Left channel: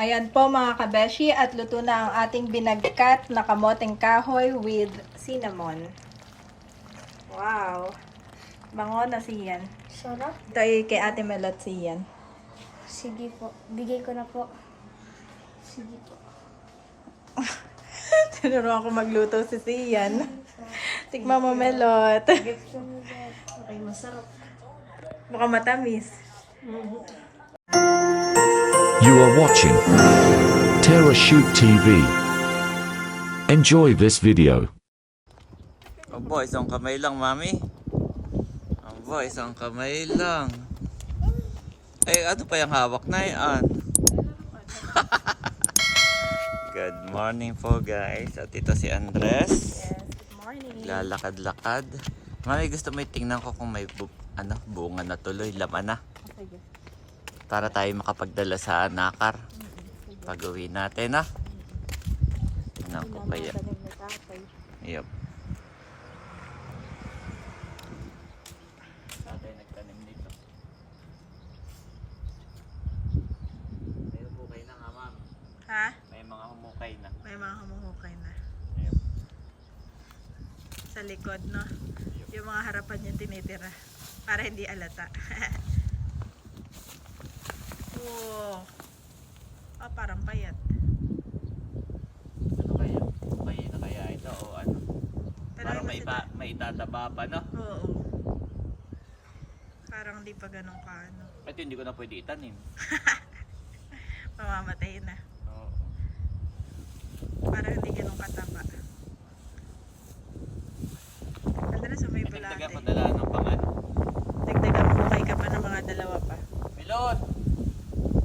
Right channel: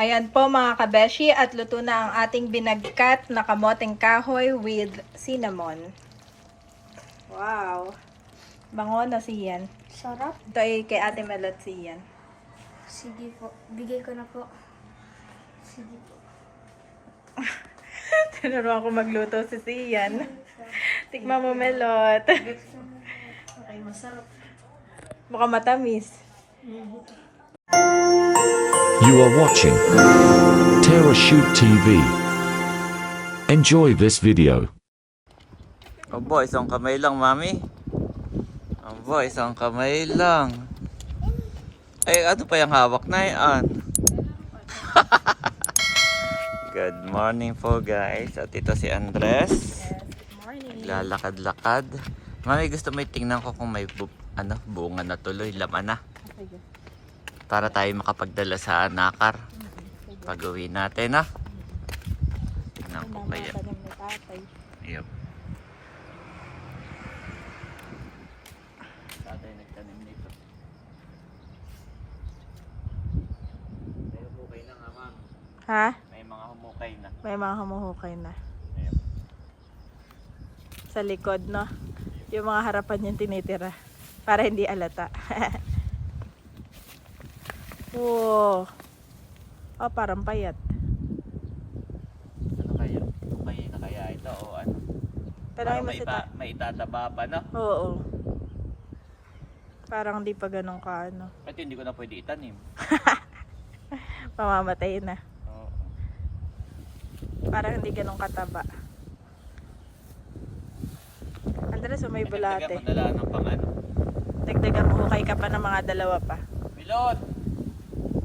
Ayan po mga kabeshi at luto na ang ating binagkat na kamoteng kahoy with cinnamon. Wow! Bango na siyan. Sarap. Ito ay kay Ate Melot siyan. Sige po. Bigay ko na po. Sige po. Tinuruan ko magluto si siyan. Tikman mo Melot. Okay, masarap. Baka matamis. You are watching Terra Shoot TV. Enjoy this video. Aba, isang kamay lang, mami. Aba, isang kamay lang. Ay, ano pa yung hawak na yan? Good morning po, guys. At ito si Andres. Yes, good morning. Naglalakad-lakad. Mami, gusto mo tingnan ko kung may bunga na tuloy, laman na. Okay. Para tayo makapagdala sa nakar. Pag-uwi natin, ha? Tingnan ko kaya. Yep. Tatay nagtanim nito. May humukay na nga, ma'am. Ha? May mga humukay na. May mga humuhukay na. Yep. Sa likod, no? Yung mga harapan yung tinitira. Para hindi alata. Oh. Oh, parang payat. Ano kaya? Humukay na kaya ito o ano? Parang Talagang may itataba pa, no? Oo. Parang di pa ganun ka, ano. Ito hindi ko na pwede itanim. Mamamatay na. Oo. Parang hindi ganun kataba. Andres, may bulate. Dagdagan mo dala ng pangano. Dagdagan mo kay ka pa ng mga dalawa pa. Pilot!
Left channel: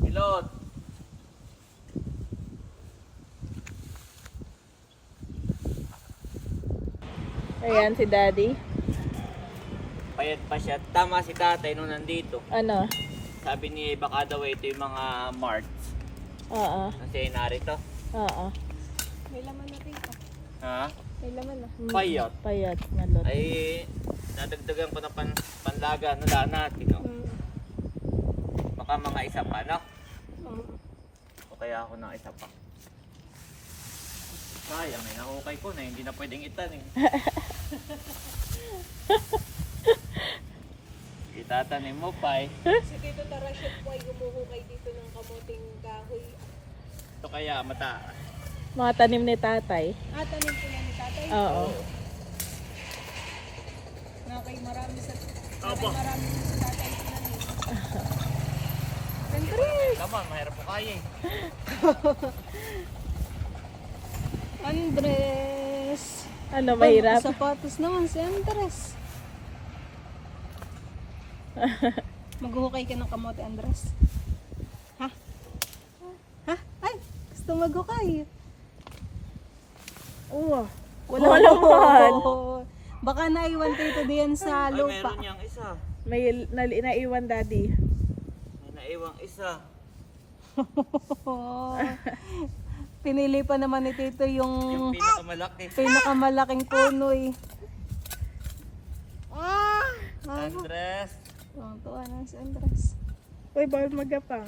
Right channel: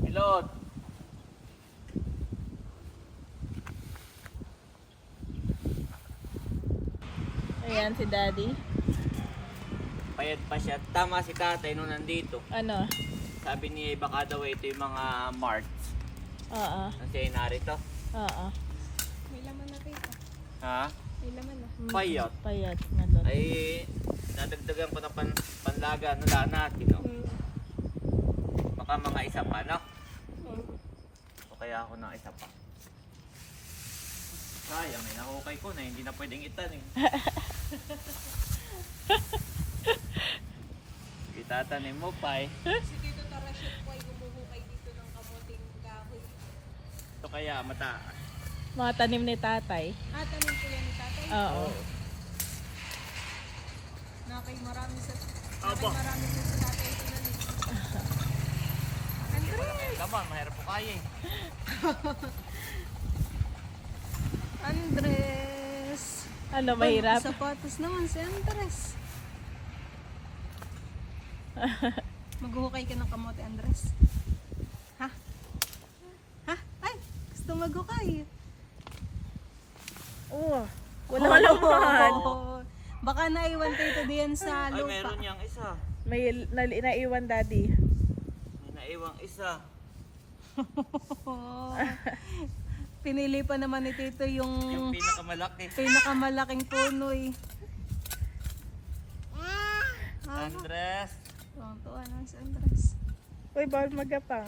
Pilot! Ayan si Daddy. Payat pa siya. Tama si tatay nung nandito. Ano? Sabi ni baka daw ito yung mga marts. Oo. Kasi narito. Oo. May laman na rin. Ha? May laman na. Payat. Payat na lot. Ay, nadagdagan ko na panlaga na daan natin. No? Baka mga isa pa, no? O kaya ako ng isa pa. Sayang, may nahukay ko na hindi na pwedeng itanim. Itatanim mo pa eh. Si Tito Tarasyon po ay humuhukay dito ng kamuting kahoy. Ito kaya mataas. Mga tanim ni tatay. Tanim po yan ni tatay. Oo. Nakay marami sa Opo. marami sa tatay tinanim. Laman, mahirap po kaya eh. Andres. Ano, mahirap? Sapatos naman si Andres. Maghuhukay ka ng kamote, Andres. Ha? Ha? Ay! Gusto maghukay. Oo. Wala laman. Oo. Baka naiwan tayo diyan sa Ay, lupa. meron niyang isa. May naiwan Daddy. May naiwang isa. Pinili pa naman ni Tito Yung yung pinakamalaki. pinakamalaking puno eh. Andres. Tuwa na si Andres. Uy, bawal magapang.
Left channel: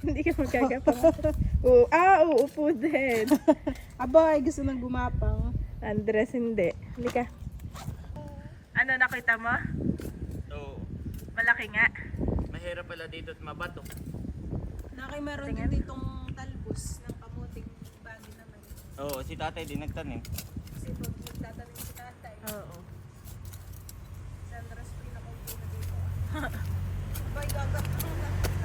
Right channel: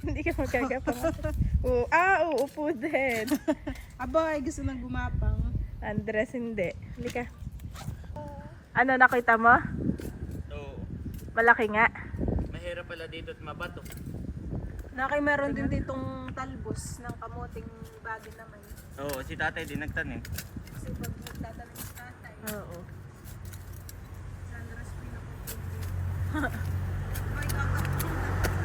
Hindi ka magagapang. Uupo din. Aba, ay gusto nang gumapang. Andres, hindi. Halika. Ano, nakita mo? So, Malaki nga. mahirap pala dito at mabato. Nakay meron din ditong talbos ng kamuting bagay naman. Oo, si tatay din nagtanim. Kasi pag nagtatanim si tatay, Oo. si Andres pinakapundi. Bay, gagap.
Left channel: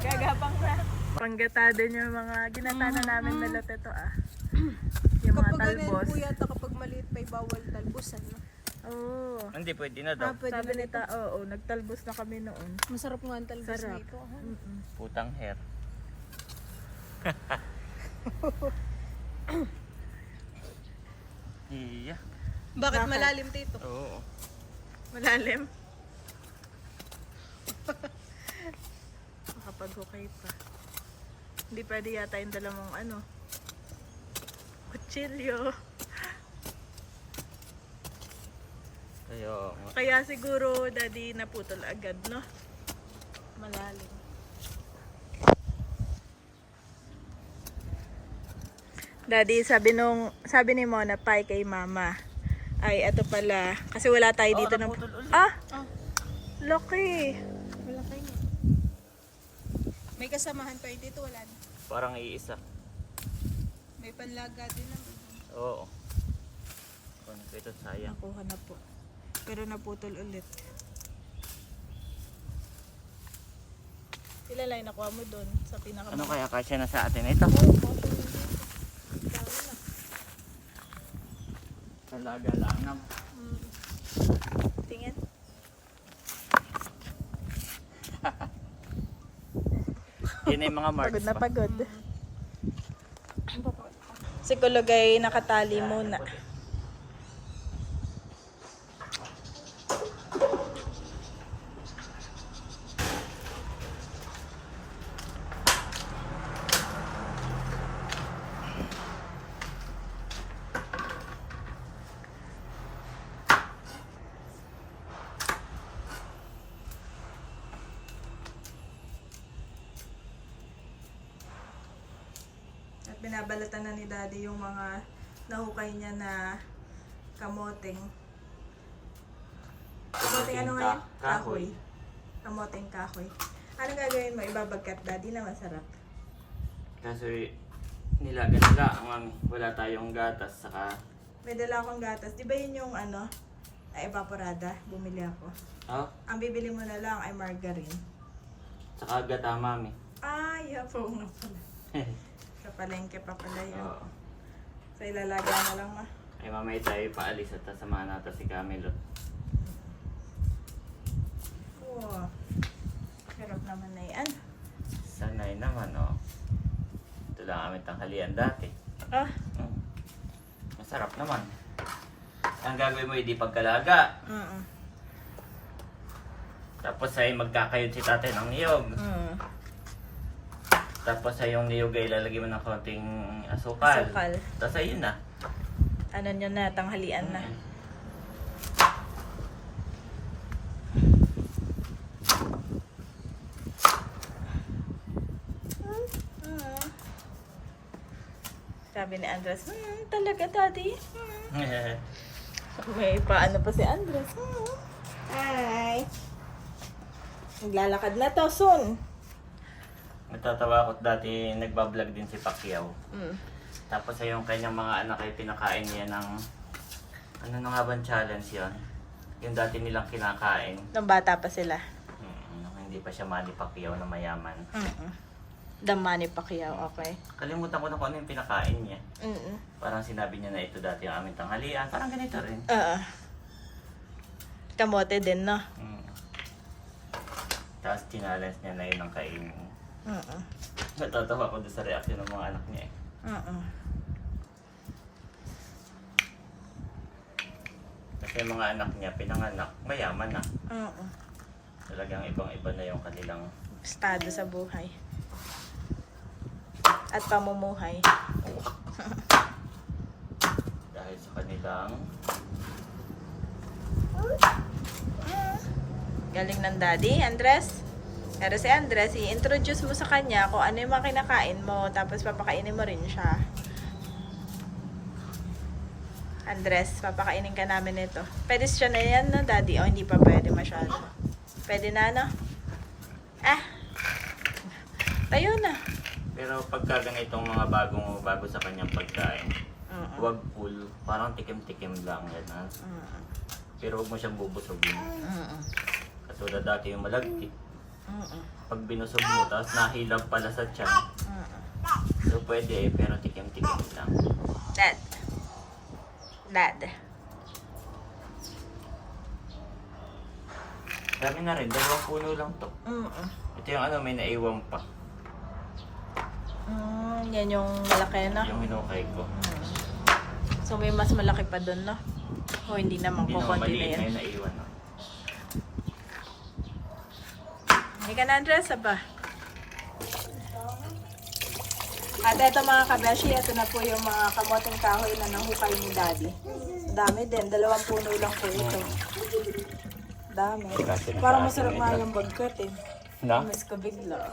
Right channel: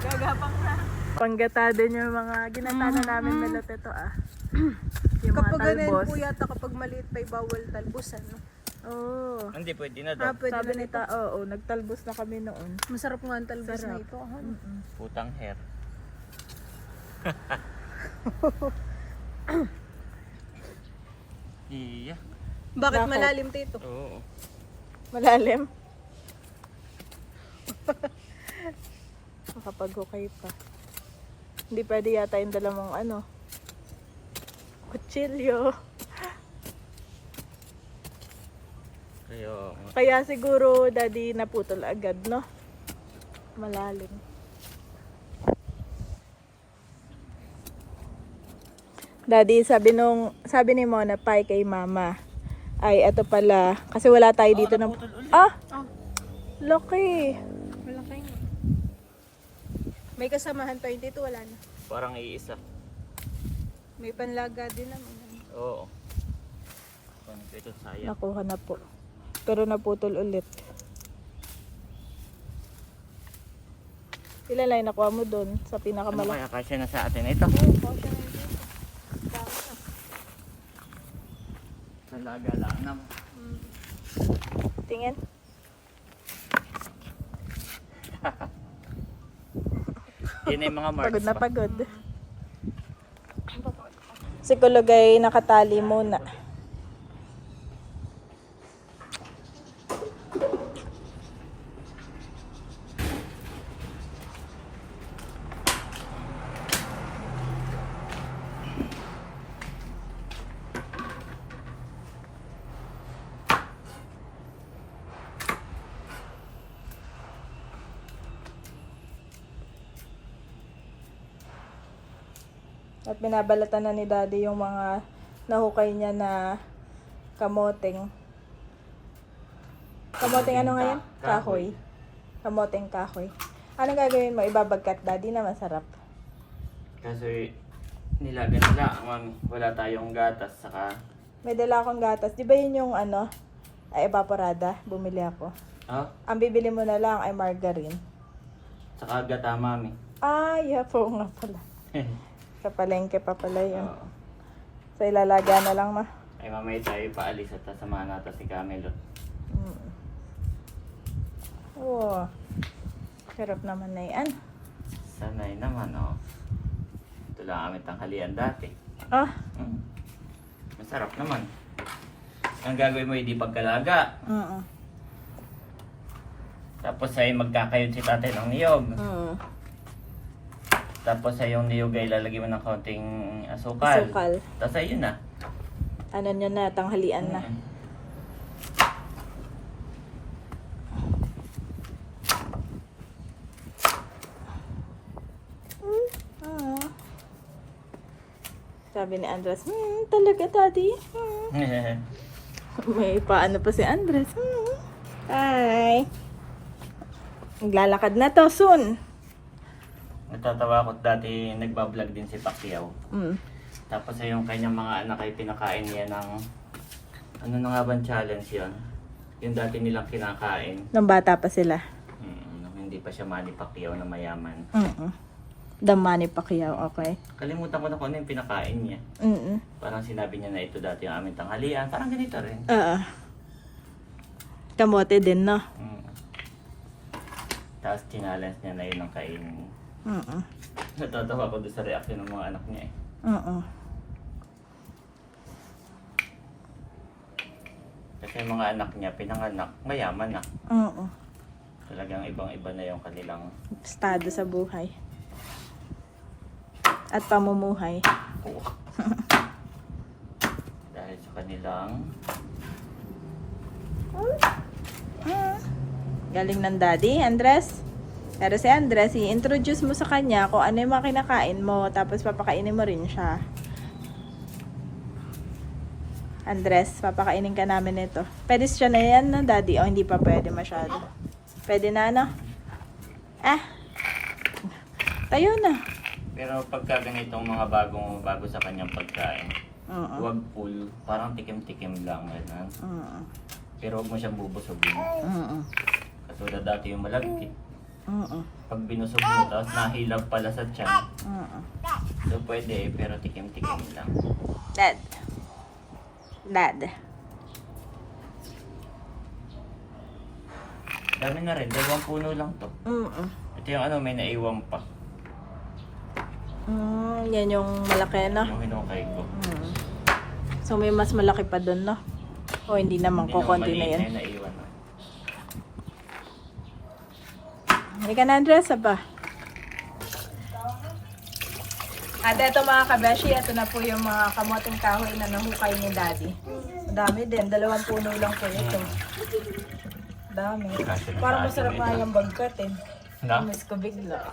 Gagapang na. Panggatado niyo yung mga ginatana namin melot ito Yung mga Kapag ganun talbos. po yata kapag maliit pa bawal talbosan. No? Oo. Hindi, pwede na daw. Pwede Sabi na ni oo, nagtalbos na kami noon. Masarap nga ang talbos Sarap. na ito. Ha? Putang hair. Iya. Bakit Bakit? malalim Tito? Oo. Malalim. Makapaghukay pa. Hindi pwede yata yung dalawang kutsilyo. Kaya siguro Daddy naputol agad, no? Malalim. Daddy, sabi ni Mona Pai kay Mama. Ay, eto pala. Kasi wala tayo dito ng... Ah! Laki! May kasamahan tayo dito, wala na. Parang iisa. May panlaga din naman. Oo. Kung ito sayang. Nakuha na po. Pero naputol ulit. Ilan lang yung nakuha mo doon sa Ano pinakamalaki? kaya kasya na sa atin ito? Talaga lang naman. Tingin. Yan ay mga marks Pagod na pa. pagod. Si Kulog ay nakatali muna. At binabalatan na ni Daddy yung mga nahukay niya na kamoteng. Kamoteng ano ngayon? Kahoy. Kamoteng kahoy. Anong gagawin mo? Ibabagkat, Daddy, na masarap. Kasi nilaga nila, mami. Wala tayong gatas, saka... May dala akong gatas. Di ba yun yung ano? Ay, evaporada. Bumili ako. Oh, Ang bibili mo na lang ay margarine. saka gata, mami. Ay, po nga pala. Sa palengke pa pala yun. Oo. Sa ilalaga na lang, ma. Ay mamaya tayo paalis at sasamahan natin si Camelot. Oo. Sarap naman na yan. Sanay naman, oh. Ito lang aming tanghalian dati. Ah. Mm. Masarap naman. Ang gagawin mo, hindi pagkalaga. Tapos ay magkakayod si tatay ng niyog. Tapos ay yung niyog ay lalagyan mo ng kaunting asukal. Asukal. Tapos ay yun na. Ano nyo na, tanghalian na. Mm. Sabi ni Andres, talaga daddy. May paano pa si Andres. Hi. Naglalakad na to soon. Natatawa ako dati nagbablog din si Pacquiao. Mm. Tapos ay yung kanyang mga anak ay pinakain niya ng ano na nga bang challenge yon? Yung dati nilang kinakain. Nung bata pa sila. Nung hindi pa siya Manny Pacquiao na mayaman. The Manny Pacquiao, okay. Kalimutan ko na kung ano yung pinakain niya. Parang sinabi niya na ito dati yung aming tanghalian. Parang ganito rin. Kamote din, no? Tapos challenge niya na yun ang kainin. Natatawa ko doon sa reaction ng mga anak niya eh. Kasi yung mga anak niya, pinanganak, mayaman na. Talagang ibang-iba na yung kanilang Estado sa buhay. At pamumuhay. dahil sa kanilang Galing ng daddy, Andres. Pero si Andres, i-introduce mo sa kanya kung ano yung mga kinakain mo, tapos papakainin mo rin siya. Andres, papakainin ka namin ito. Pwede siya na yan, no, daddy? O hindi pa pwede masyado? Pwede na, no? Tayo na. pero pagka ganitong mga bago sa kanyang pagkain, huwag full, parang tikim-tikim lang ganun. Pero huwag mo siyang bubusogin. Katulad dati yung malagkit. Pag binusog mo, tapos nahilab pala sa tiyan. So pwede pero tikim-tikim lang. Dad. Dami na rin, 2 puno lang to. Ito yung ano, may naiwang pa. Yan yung malaki, no? Yung hinukay ko. So may mas malaki pa dun, no? O hindi naman, Hindi naman kukunti na maliit yan. na yung naiwan. No? Hindi ka na, Andres, pa. At eto mga kabeshi, ito na po yung mga kamoteng kahoy na nahukay ni Daddy. Dami din, 2 puno lang po ito. Dami. Parang masarap nga yung bagkat eh. No? Miss ko bigla.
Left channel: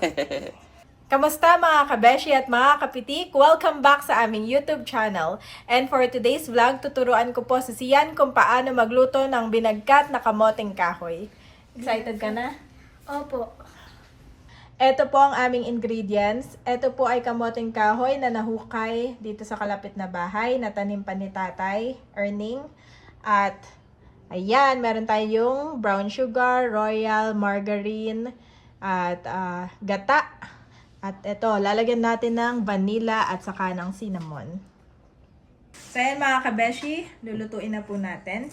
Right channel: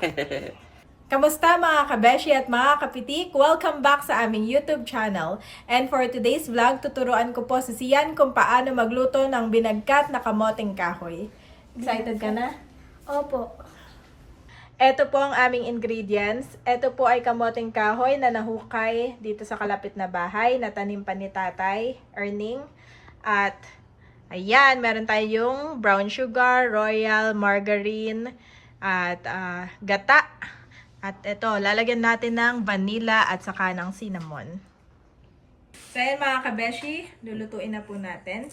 Kamusta mga kabeshi at mga kapitik? Welcome back sa aming YouTube channel. And for today's vlog, tuturuan ko po si Sian kung paano magluto ng binagkat na kamoting kahoy. Excited ka na? Opo. Ito po ang aming ingredients. Ito po ay kamoting kahoy na nahukay dito sa kalapit na bahay na tanim pa ni Tatay Erning. At ayan, meron tayong brown sugar, royal, margarine, at gata. At ito, lalagyan natin ng vanilla at saka ng cinnamon. So ayan mga kabeshi, lulutuin na po natin.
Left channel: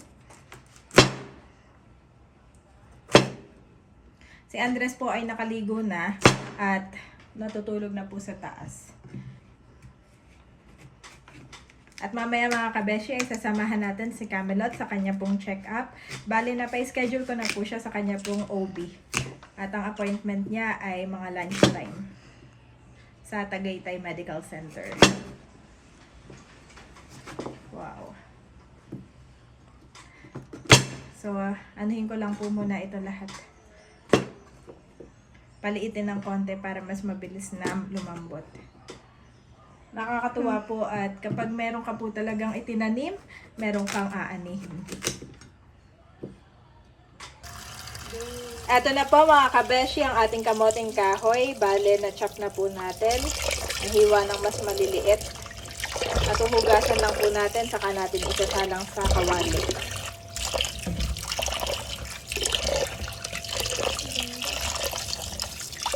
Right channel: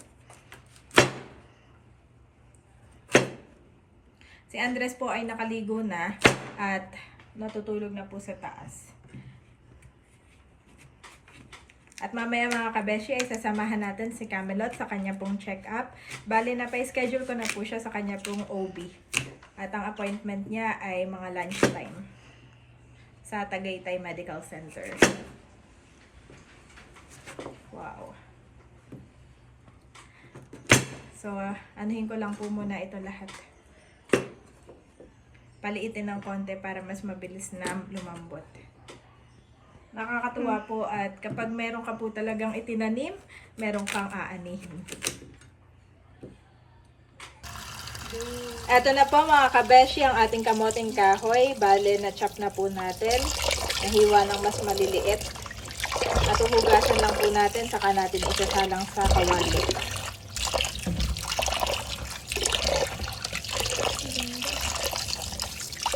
Si Andres po ay nakaligo na at natutulog na po sa taas. At mamaya mga kabeshi ay sasamahan natin si Camelot sa kanya pong check-up. Bali na pa-schedule ko na po siya sa kanya pong OB. At ang appointment niya ay mga lunchtime sa Tagaytay Medical Center. Wow. So, anuhin ko lang po muna ito lahat. Paliitin ng konti para mas mabilis na lumambot. Nakakatuwa po at kapag meron ka po talagang itinanim, meron kang aanihin. Eto na po mga kabeshi ang ating kamoting kahoy. Bale, na-chop na po natin. Nahiwa ng mas maliliit. At uhugasan lang po natin, saka natin isasalang sa kawali.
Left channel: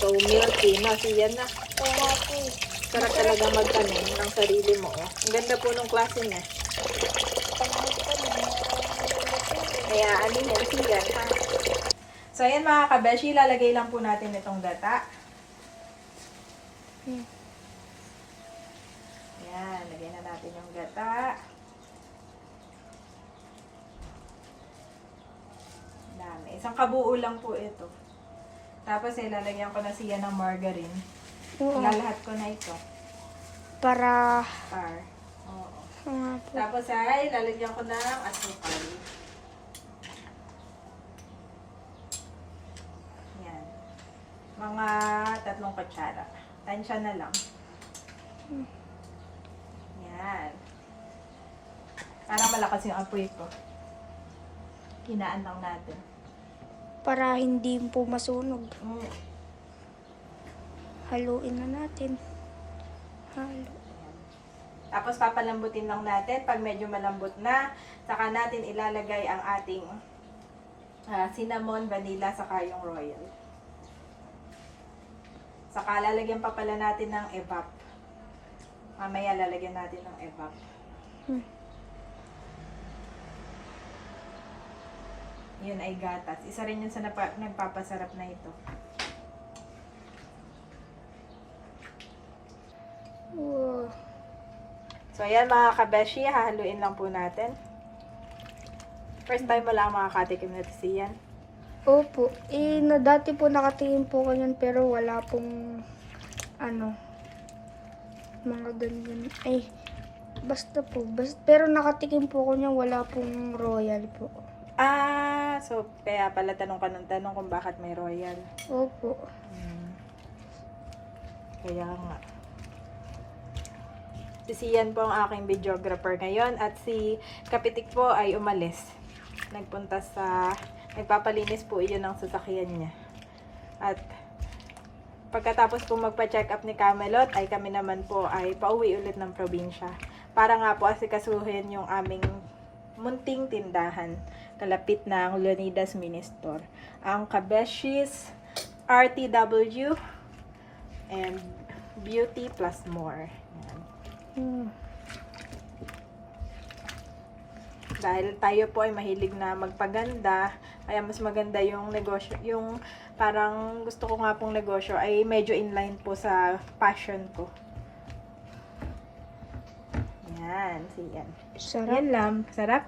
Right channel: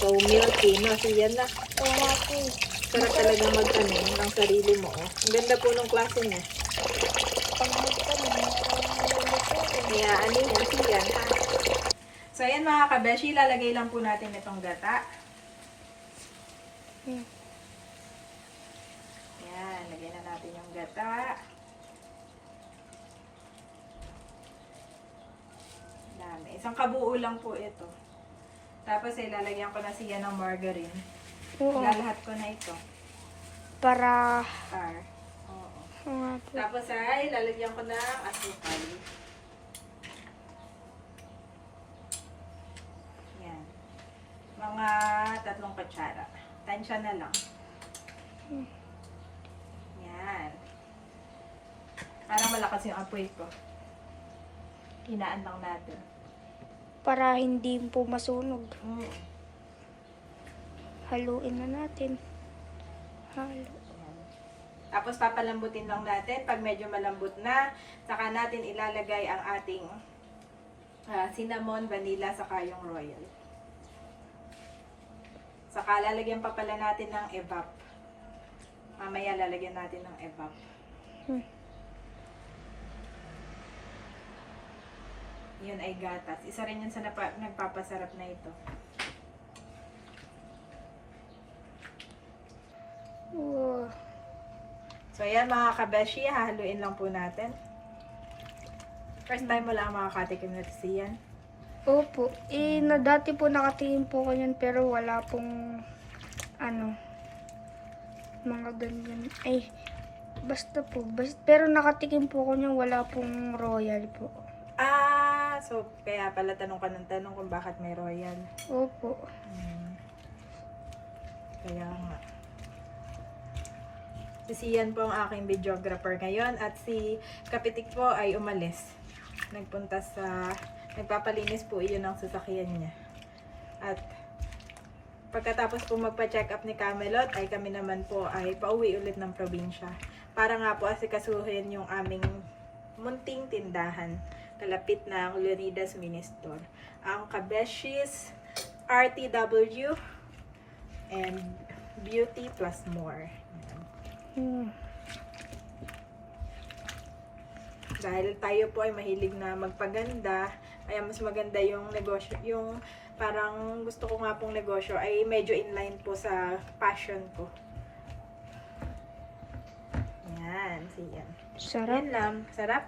So, milky, no? Siyan na. Oo po. Sarap talaga magtanim ng sarili mo. Oh. Ang ganda po nung klase niya. Kaya, ano yan? Siyan, ha? So, ayan mga kabeshi, lalagay lang po natin itong gata. Ayan, lagay na natin yung gata. Dami. Isang kabuo lang po ito. Tapos, lalagyan ko na siya ng margarine. Oo. Lalahat ko na ito. Para... Oo. Oo nga po. Tapos, ay, lalagyan ko ng asukal. Mga 3 kutsara. Tansya na lang. Yan. Para malakas yung apoy ko. Hinaan lang natin. Para hindi po masunog. Mm. Haluin na natin. Halo. Tapos papalambutin lang natin. Pag medyo malambot na, saka natin ilalagay ang ating cinnamon, vanilla, saka yung royal. Saka lalagyan pa pala natin ng evap. Mamaya lalagyan natin ng evap. Yun ay gatas. Isa rin yun sa nagpapasarap na ito. Wow. So ayan mga kabeshi, hahaluin lang po natin. First time mo lang makakatikim na siyan. Opo. Dati po nakatingin po ko yan pero wala pong mga ganyan. Ay, basta po. Pero nakatikim po ko niyan, wala pong royal po. So kaya pala tanong ka ng tanong kung bakit may royal. Opo. Kaya nga. Si Sian po ang aking videographer ngayon at si Kapitik po ay umalis. Nagpunta sa... Nagpapalinis po iyon ng sasakyan niya. At pagkatapos po magpa-check up ni Camelot, ay kami naman po ay pauwi ulit ng probinsya. Para nga po asikasuhin yung aming munting tindahan. Kalapit na ang Leonidas Mini Store. Ang Kabeshis, RTW, and Beauty Plus More. Yan. Dahil tayo po ay mahilig na magpaganda, kaya mas maganda yung negosyo, yung parang gusto ko nga pong negosyo ay medyo inline po sa passion ko. Yan, siyan. Sarap. Yan lang, sarap.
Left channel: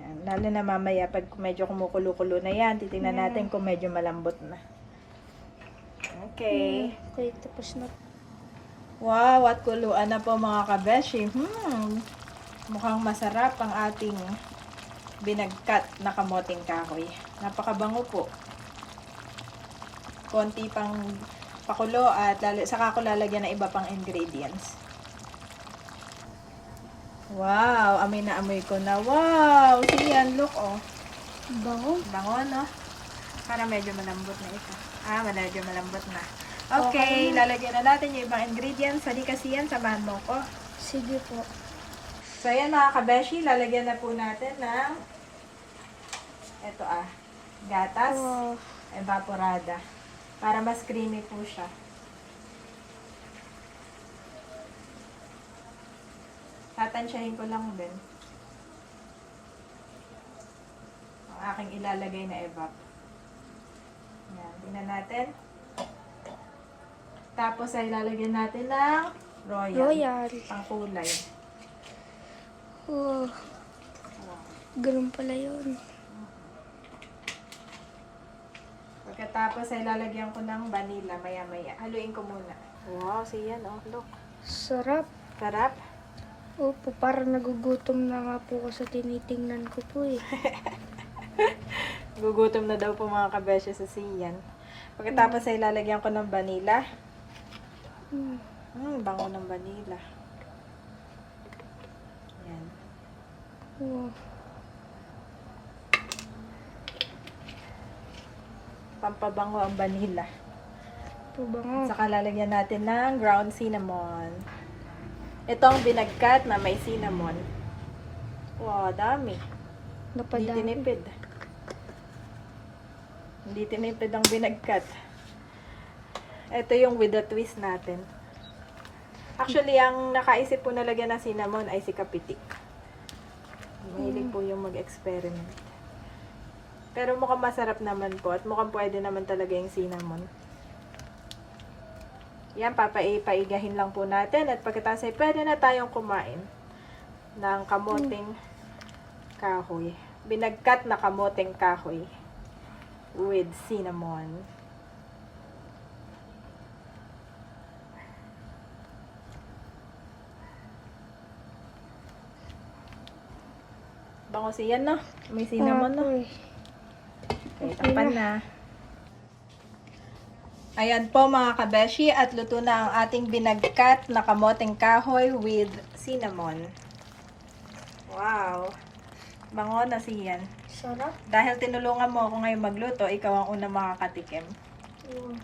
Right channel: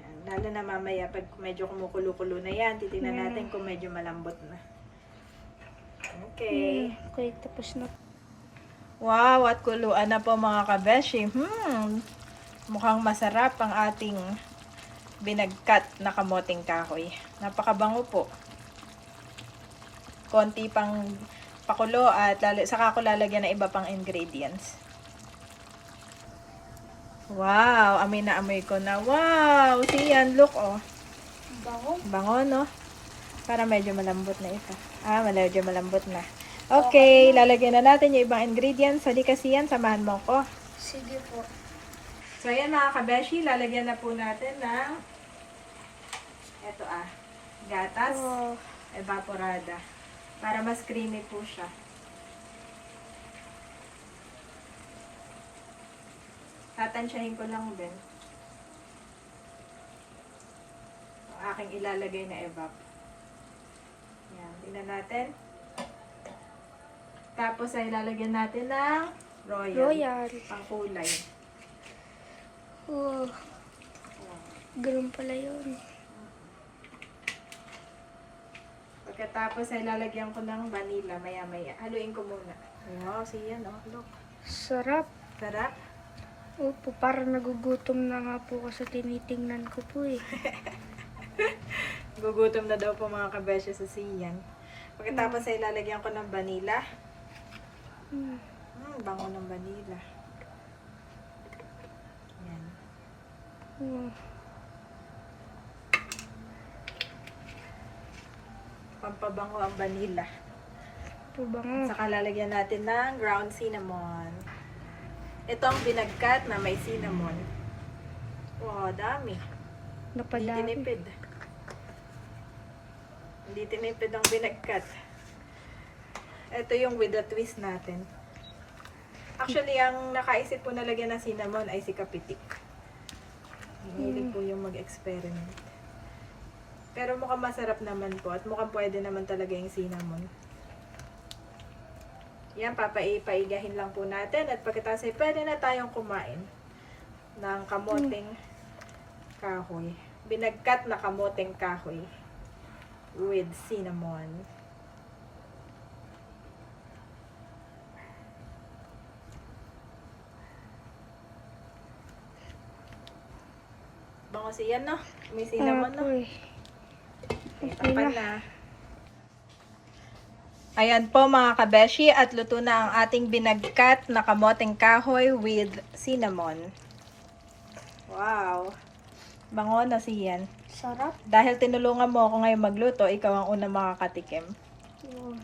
Yan, lalo na mamaya pag medyo kumukulo-kulo na yan, titingnan natin kung medyo malambot na. Okay. Okay, tapos na. Wow, at kuluan na po mga kabeshi. Mukhang masarap ang ating binagkat na kamoting kahoy. Napakabango po. Konti pang pakulo at saka ko lalagyan ng iba pang ingredients. Wow, amoy na amoy ko na. Wow, siyan, look oh. Bango. Bango, no? Para medyo malambot na ito. Medyo malambot na. Okay, lalagyan na natin yung ibang ingredients. Hindi kasi yan, samahan mo ko. Sige po. So, ayan mga kabeshi, lalagyan na po natin ng ito gatas Wow. evaporada para mas creamy po siya. Tatansyahin ko lang din ang aking ilalagay na evap. Yan, tingnan natin. Tapos ay lalagyan natin ng Royal. pangkulay. Oh. Ganun pala yun. Pagkatapos ay lalagyan ko ng vanilla maya-maya. Haluin ko muna. Wow, siya no? Look. Sarap. Sarap. Opo, parang nagugutom na nga po ako sa tinitingnan ko po eh. Gugutom na daw po mga kabesya sa siyan. Pagkatapos ay lalagyan ko ng vanilla. Bango ng vanilla. Yan. Oh. Pampabango ang vanilla. Ito bango. At saka lalagyan natin ng ground cinnamon. Ito ang binagkat na may cinnamon. Wow, dami. Hindi Napadami. tinipid. Hindi tinipid ang binagkat. Ito yung with the twist natin. Actually, ang nakaisip po na lagyan ng cinnamon ay si Kapitik. Hilig po yung mag-experiment. Pero mukhang masarap naman po at mukhang pwede naman talaga yung cinnamon. Yan, papaigahin lang po natin at pagkatapos ay pwede na tayong kumain ng kamoting kahoy. Binagkat na kamoting kahoy with cinnamon. Bango siyan, no? May cinnamon, no? Apoy. Okay Tapan na. na. Ayan po mga kabeshi at luto na ang ating binagkat na kamoting kahoy with cinnamon. Wow. Bango na siyan. Sarap. Dahil tinulungan mo ako ngayon magluto, ikaw ang unang makakatikim. Oh.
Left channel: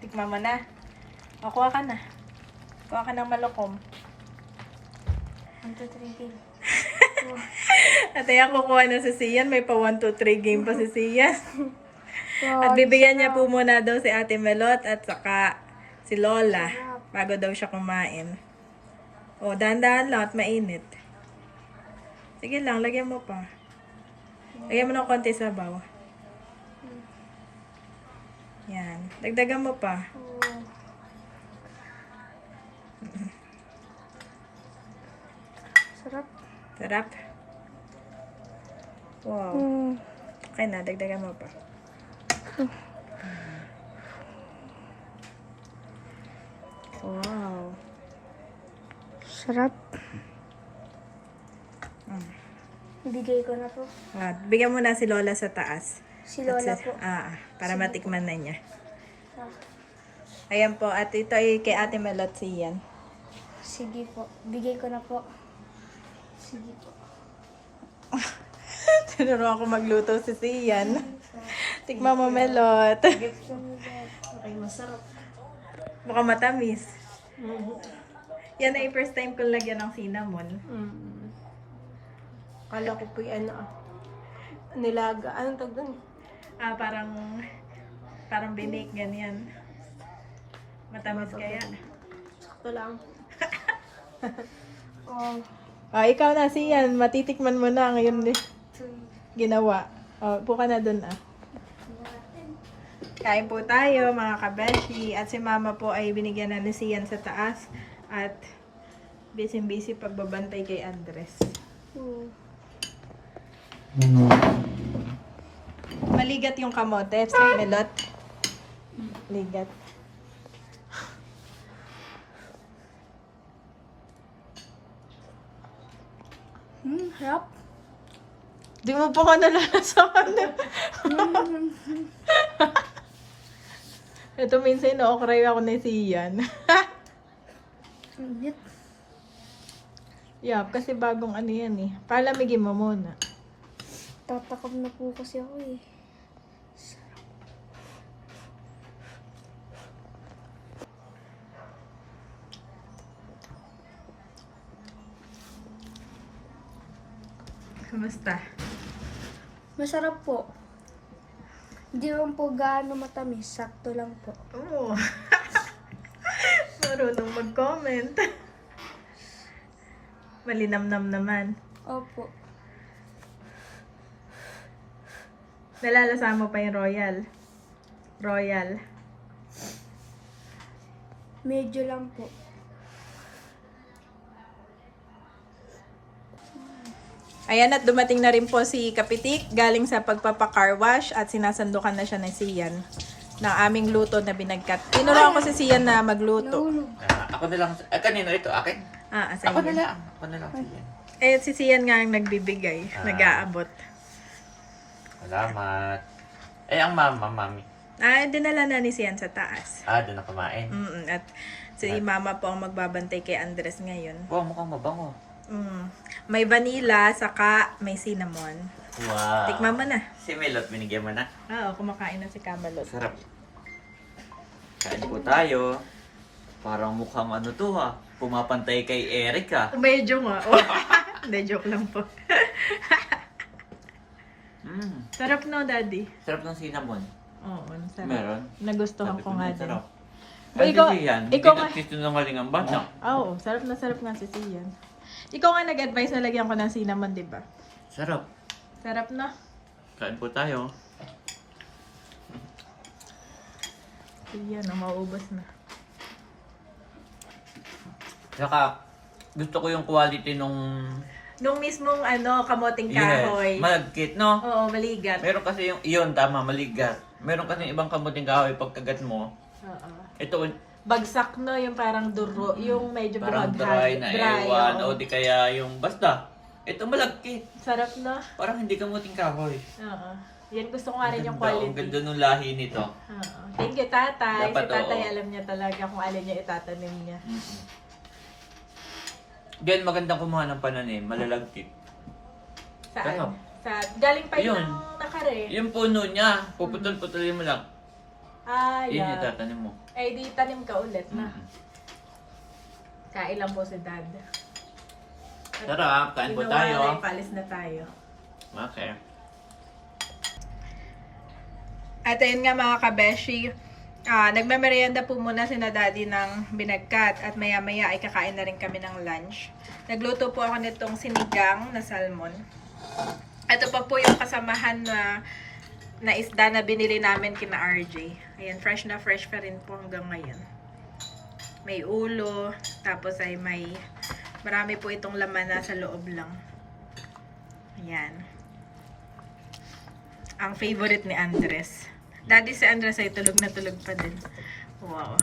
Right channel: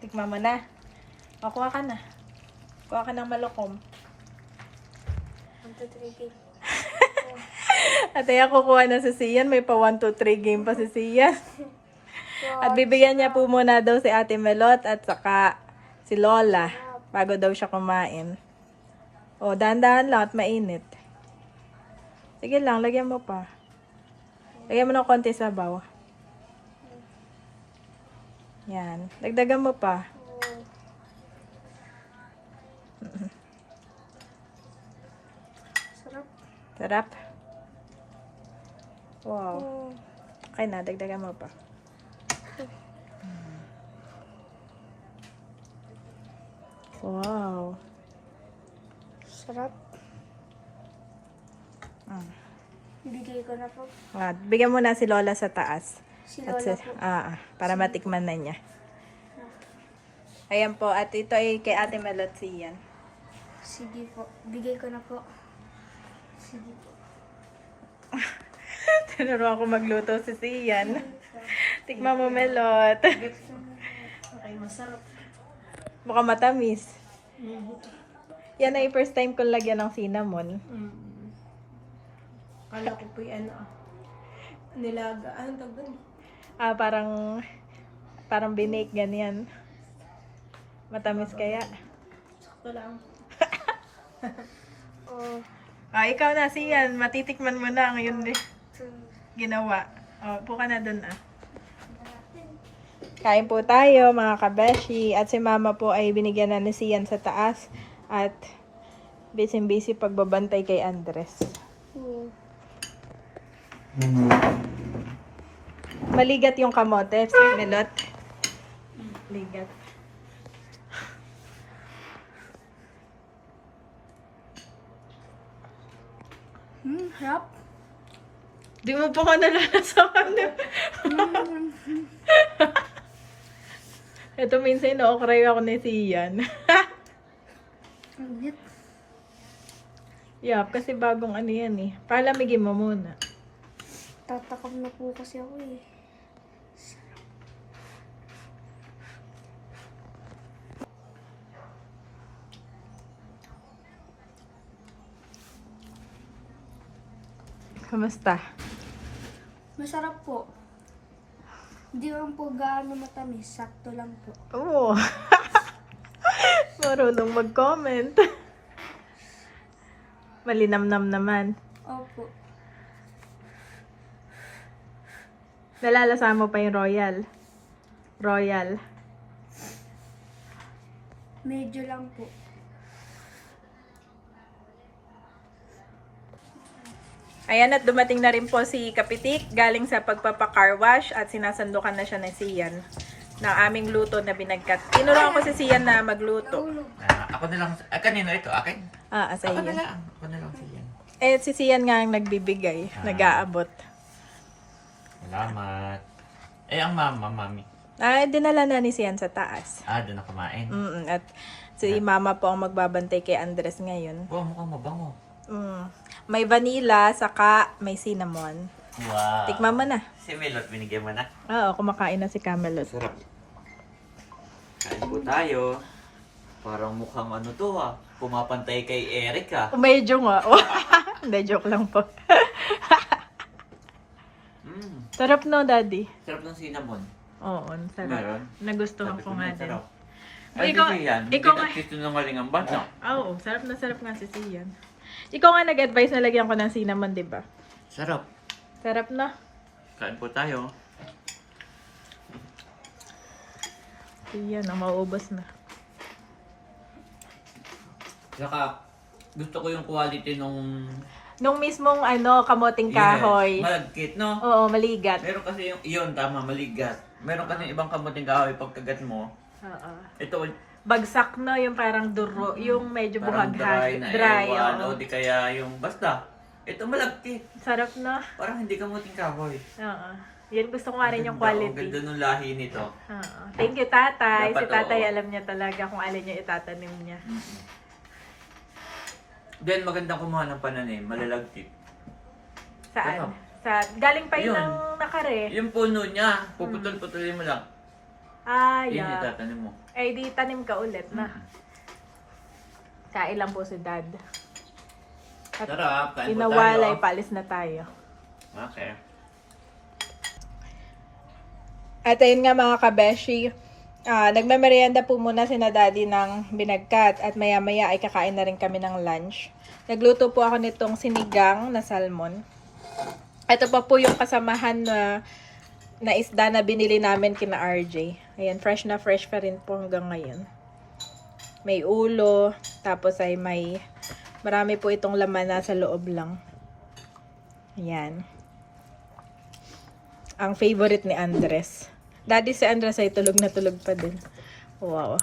Tikman mo na. O, kuha ka na. Kuha ka ng malokom. 1, 2, 3, game. At ayan, kukuha na si Sian. May pa 1, 2, 3 game pa si Sian. At bibigyan niya po muna daw si Ate Melot at saka si Lola bago daw siya kumain. O, dahan-dahan lang at mainit. Sige lang, lagyan mo pa. Lagyan mo ng konti sabaw. Yan. Dagdagan mo pa. Sarap. Sarap. Wow. Mm. Okay na, dagdagan mo pa. Wow. Sarap. Bigay ko na po. Bigyan mo na si Lola sa taas. Si At Lola si- po. para matikman na niya. Ayan po, at ito ay kay Ate Melot siyan. Sige po. Bigay ko na po. Sige po. Tinuro ako magluto si Sian. Tikman mo, Melot. Okay, masarap. Mukhang matamis. Yan ay first time kong lagyan ng cinnamon. Kala ko po yung nilaga. Anong tawag dun? Parang binake ganyan. Matamis kaya. Sakto lang. Oh. Ikaw na Sian. Matitikman mo na ngayon ginawa. Upo ka na dun Kain po tayo mga kabeshi. At si mama po ay binigyan na ni Sian sa taas. At busy-busy pagbabantay kay Andres. Maligat yung kamote, Melot. Ligat. Harap. Di mo pa ka nalalasakan. Ito minsan ino-okray ako ni Sian. Init. Yup, kasi bagong ano yan eh. Palamigin mo muna. Tatakam na po kasi ako eh. Kamusta? Masarap po. Hindi lang po gaano matamis. Sakto lang po. Oo. Marunong mag-comment. Malinamnam naman. Opo. Nalalasa mo pa yung royal. Royal. Medyo lang po. Ayan, at dumating na rin po si Kapitik galing sa pagpapa-car wash at sinasandukan na siya ng Sian ng aming luto na binagkat. Tinuruan ko si Sian na magluto. Ako na lang. Kanino ito? Akin? Sa Ako na iyo. lang. Ako na lang siya. Eh, si Sian nga ang nagbibigay, nag-aabot. Salamat. Ang mami. Dinala na ni Sian sa taas. Doon na kumain. At si mama po ang magbabantay kay Andres ngayon. Wow, mukhang mabango. May vanilla, saka may cinnamon. Wow. Tikman mo na. Si Melot, binigyan mo na. Oo, kumakain na si Camelot. Sarap. Kain po tayo. Parang mukhang ano to ha. Pumapantay kay Eric ha. Medyo nga. Hindi, joke lang po. Sarap no, Daddy? Sarap ng cinnamon. Oo, sarap. Meron? Nagustuhan Sabi ko nga din. sarap. O, Ay, ikaw- di yan. ikaw nga- Pinag-kiss ng galing ang bata. Oo, sarap na sarap nga si Sian. Ikaw nga nag-advise na lagyan ko ng cinnamon, di ba? Sarap. Sarap na. Kain po tayo. Sian, mauubos na. Saka, gusto ko yung quality nung... Nung mismong kamoting kahoy. Malagkit, no? Oo, maligat. Meron kasi yun, tama, maligat. Meron kasi ibang kamuting kahoy pagkagat mo. Oo. Ito, Bagsak no, yung parang duro, yung medyo parang buhaghag. dry na Dry, ewan. oo. O di kaya yung basta. Ito malagkit. Sarap no? Parang hindi kamuting kahoy. Oo. Yan, gusto ko nga rin yung Ang quality. ganda nung lahi nito. Oo. Thank you, tatay. Dapat, Si tatay oo. alam niya talaga kung alin yung itatanim niya. Diyan magandang kumuha ng pananim, malalagkit. Saan? Ano? Galing pa yun Yun. ng nakare. Yung puno niya, puputol-putulin mo lang. Yun yung Yeah. itatanim mo. Eh, di tanim ka ulit na. Kain lang po si dad. At Sarap, kain po tayo. inawalay, palis na tayo. Okay. At ayun nga mga kabeshi, nagmamerienda po muna si na daddy ng binagkat at maya-maya ay kakain na rin kami ng lunch. Nagluto po ako nitong sinigang na salmon. Ito pa po yung kasamahan na isda na binili namin kina RJ. Ayan, fresh na fresh pa rin po hanggang ngayon. May ulo, tapos ay marami po itong laman na sa loob lang. Ayan. Ang favorite ni Andres. Daddy, si Andres ay tulog na tulog pa din. Wow.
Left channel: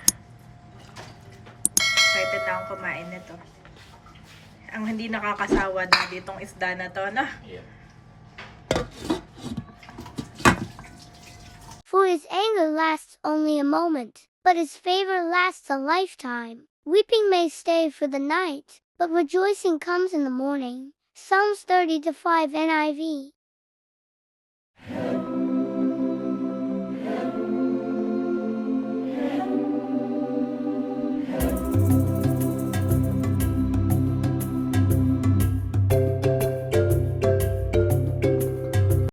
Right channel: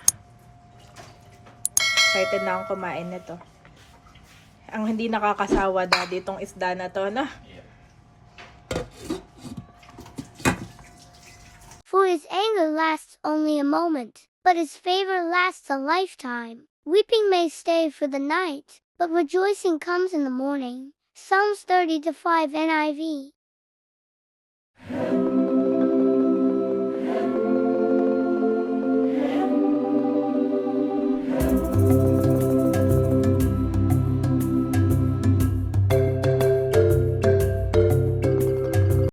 Excited na akong kumain nito. Ang hindi nakakasawa, Daddy, itong isda na to, no? Yeah. For his anger lasts only a moment, but his favor lasts a lifetime. Weeping may stay for the night, but rejoicing comes in the morning. Psalms 30-5 NIV.